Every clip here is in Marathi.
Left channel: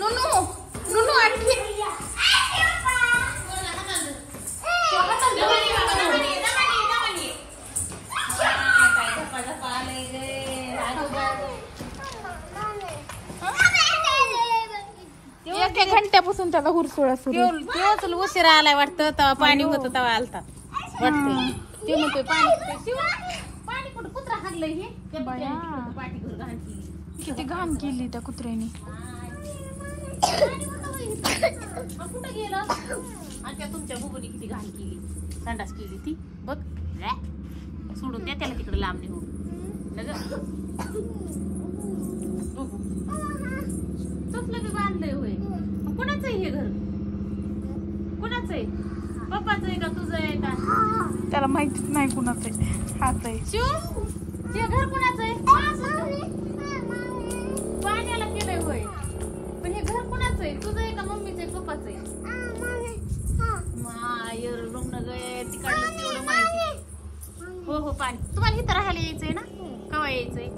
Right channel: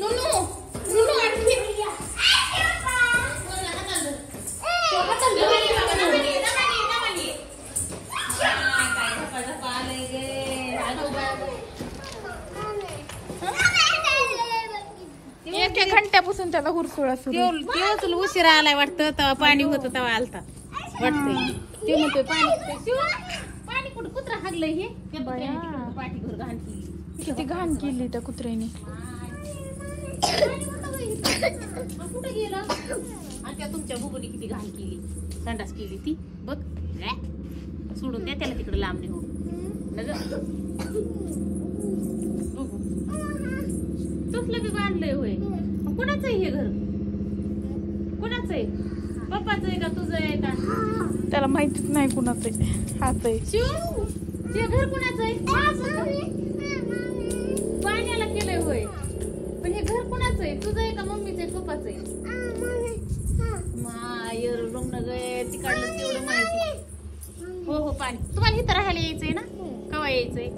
नुनू नुनू आणखी एका घंट्यापासून त्याला हुरसुळा सुरू उशिरा आलाय वाटतं. तेव्हा पाणी होतं तेव्हा आलता वाटतंय. ते म्हणतोय पाणी कुठं कुत्रा हागलंय हे पाठी घर घाण केली. किती घाण केली त्या कुत्र्याने. कुठं गेलं आणि त्या तुमच्या बुबुनी किती घाण केली. संडास केली ती बघ. सोडून द्या त्याला तिकडे लांब नेऊन. तसलं बी बांधलंय होय. कोणाचं आहे हे घर? कोणाचं आहे? पप्पाचं आहे का तुझं आहे का? त्याला माहितीच नाही कुणाचं आहे. हाच आहे शिव. हे घर कुणाचं आहे? पाण्याला केलंय होय. पण हे घर कुणाचं आहे? तुझं आहे का मम्मीचं आहे पप्पाचं आहे? मायर रुग्ण गय तिकडलं तेवढं माहिती. हो हो पाणी. तुम्हाला इथं राहायला यायचंय ना? कवा यायचंय?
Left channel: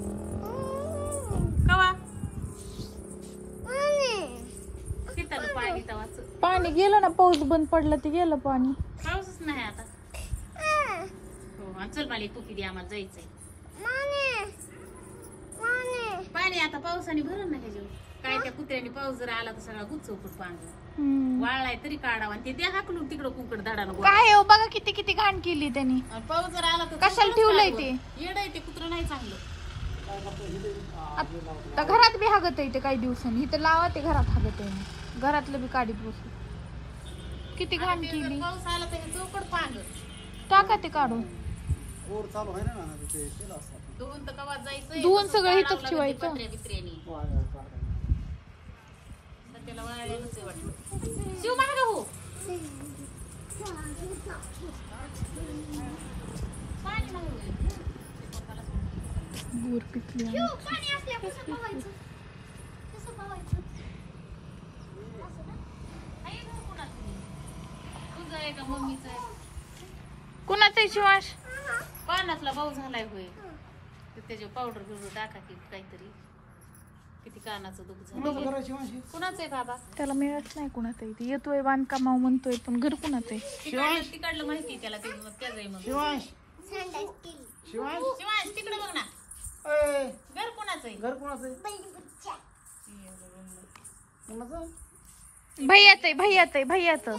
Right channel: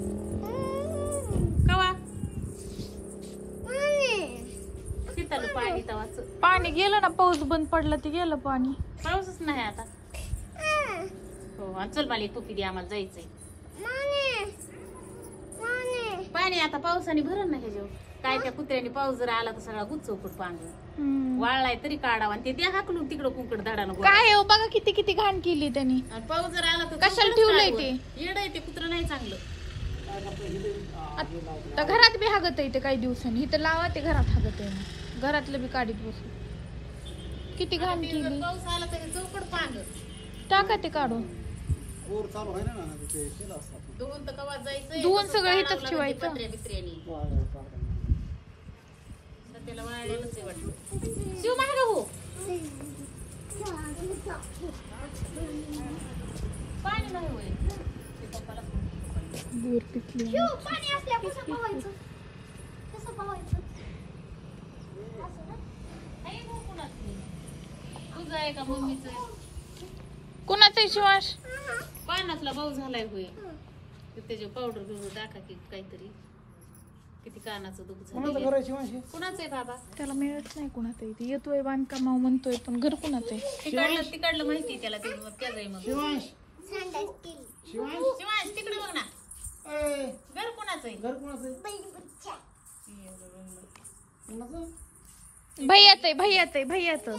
कवा? पाणी गेलं ना. पाऊस बंद पडला ते गेलं पाणी. पाऊसच नाही आता. हो चल मला एक टोपी दे आम्हाला जायचंय. पाणी आता पावसाने भरण ना ह्याच्यावर. काय त्या कुत्र्याने पाऊस जर आला तर सगळा गुच्चौकट पांग वाळलाय तरी काढावा आणि ते द्या हाकलून तिकडं कुंकड धाडानं. काय हो बघा किती किती घाण केली त्यांनी. पाऊस जर आला तर कशाला ठेवलंय ते. येड आहे ते कुत्र नाही चांगलं. आता घरात बी हागत आहे ते काही दिवसांनी. इथं लावा ते घरात हागत आहे. घरातलं बी काढीत बसू. किती घाण केली. पाऊस आला तर चौकट पांग टाका ते काढून. धुवून सगळं इथंच ठेवायचं. शिव महाग हो. पाणी नाही बोर पिकली. पाणी असल्या कसं पोहायचं? कसं पोहायचं? तुझं आहे का मम्मीचं आहे? कुणाचं आहे शिवाश? पानातला भाऊ झालाय होय. त्याचे पावडर बिवडर टाका की काहीतरी. किती कानाचं दुख झालं. कुणाचं आहे बाबा? त्याला मिळत नाही कुणाचं आहे. येतोय बांधकामाव म्हणतोय पण घर कुणाचं आहे? तिकडलं माहिती त्याला. ते त्याच आहे मग. शिवाश तिकडे बघ ना. घर कोणाचं आहे? घर कोणाचं आहे? भैयाचं आहे. भैयाचं आहे. भैयाचं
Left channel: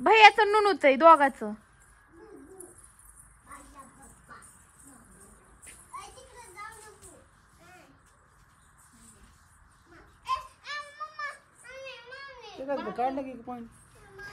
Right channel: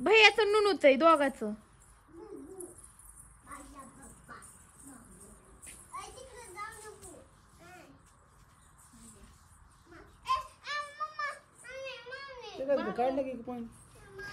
भैयाचं नुनूच आहे दोघाचं. काढलं की पॉईंट.